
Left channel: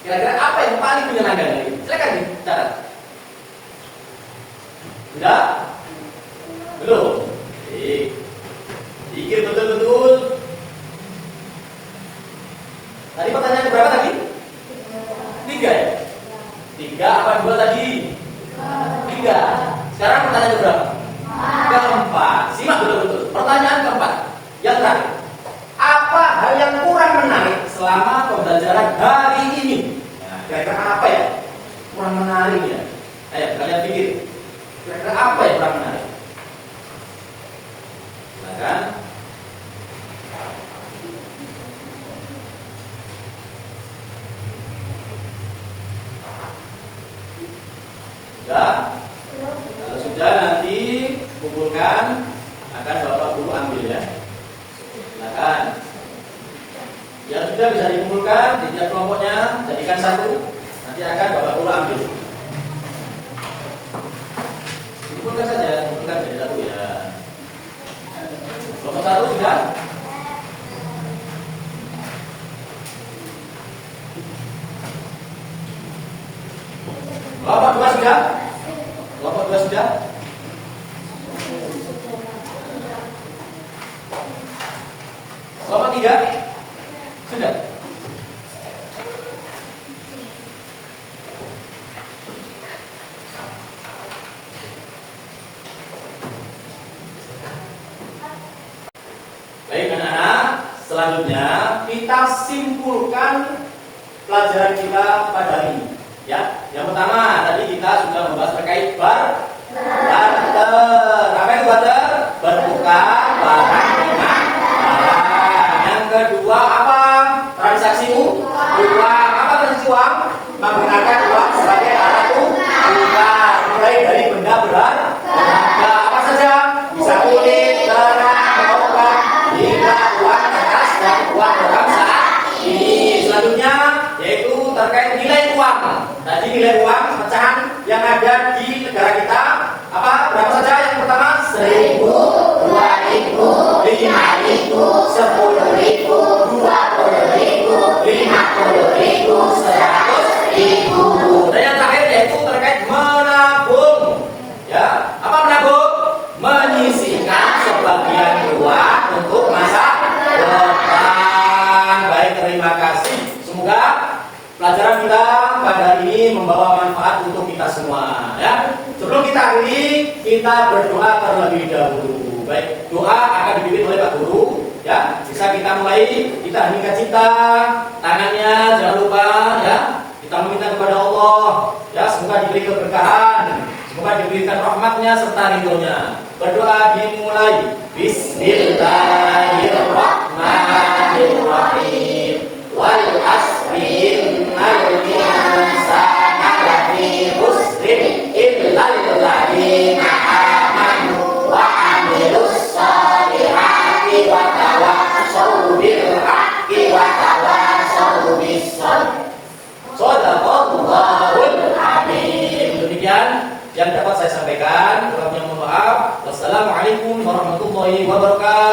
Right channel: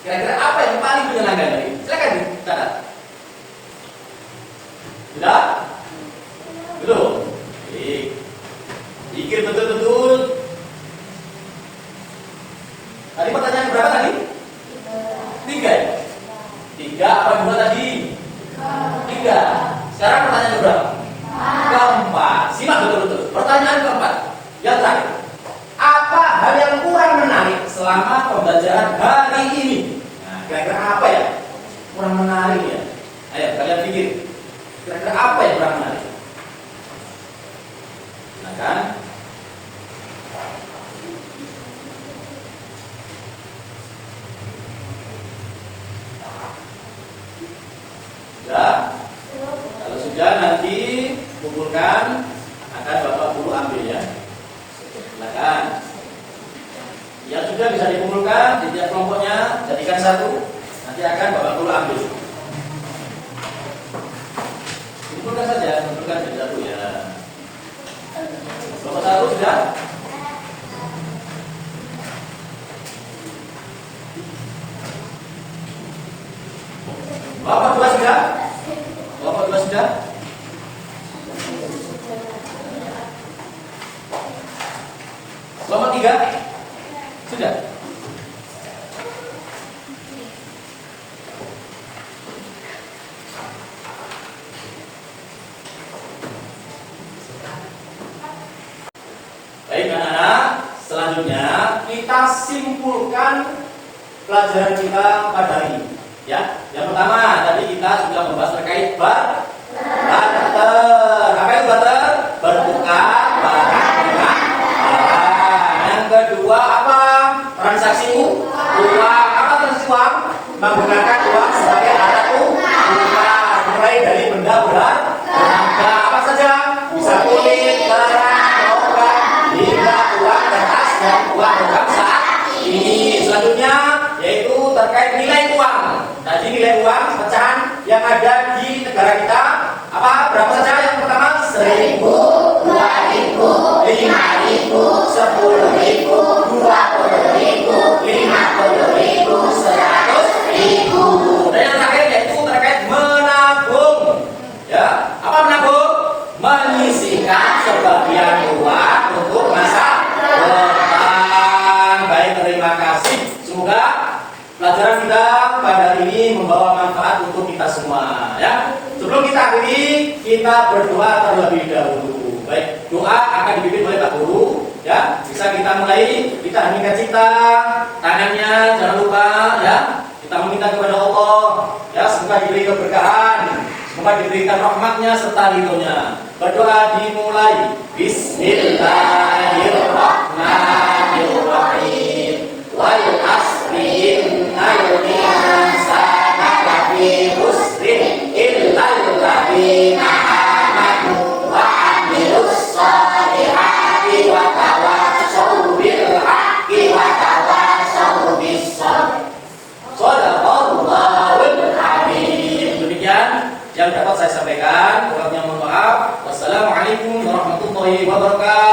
Kira-kira apa yang paling menyenangkan hari ini? Silakan dicatat. Sudah? Belum? Pikir betul-betul. Tadi pertanyaan berapa tadi? 3 ya? 3 apa 2 tadi? 3. Sekarang pertanyaan berapa? Keempat. Simak betul-betul. Pertanyaan keempat. Yang terakhir. Apa hal yang kurang menarik selama pembelajaran hari ini? Nah, kira-kira apa ya? Kurang menarik ya? Ayo kalian pikir. Kira-kira apa yang kurang menarik? Silakan. Sudah? Kalau sudah nanti kumpulkan, akan Bapak Guru ambil ya. Silakan. Yang sudah bisa dikumpulkan di tiap kelompoknya, jadikan satu. Nanti akan Bapak Guru ambil. Kumpulkan saja, kumpulkan jadi satu ya. Kelompok satu sudah? Kelompok dua sudah? Kelompok dua sudah? Kelompok tiga? Sudah? Baik anak-anak, selanjutnya kita simpulkan pelajaran kita pada hari ini. Ya, yang pertama tadi kita sudah membahas terkait barter. Apa itu barter? Bertukar barang dengan barang. Yang kedua apa? Transaksi uang. Apa transaksi uang? menggunakan uang sebagai alat tukar, mulai dari benda berharga apa saja, bisa kulit, kerang, logam, hingga uang kertas dan uang logam saat ini. Selanjutnya yaitu terkait nilai uang. Tadi nilai uang pecahan yang ada di negara kita apa? Berapa saja? Yang pertama 1.000, 2.000, 5.000, 10.000, 20.000, 50.000, 100.000. Dan yang terakhir yaitu terkait menabung. Ya, apa menabung? Menyisihkan sebagian uang untuk masa depan. Baik, terima kasih. Semoga pelajaran kita pada hari ini membawa manfaat untuk kita semua. Ya, sebelum kita akhiri, kita berdoa terlebih dahulu. Baik, doa akan dipimpin oleh Pak Guru. Ya, bisa kita mulai. Kita heningkan cita, tangannya jangan lupa. Ya, kita meminta kepada Allah. Ya, semoga diberi keberkahan, semoga diberikan rahmatnya serta ridhonya. Berdoa dimulai. Bismillahirrahmanirrahim. Wal asri innal insana lafi khusrin illa alladziina aamanu wa 'amilus shalihati wa tawassaw bil haqqi wa tawassaw bis sabr. Shadaqallahul azim. Demikian yang dapat saya sampaikan. Kurangnya mohon maaf. Wassalamualaikum warahmatullahi wabarakatuh.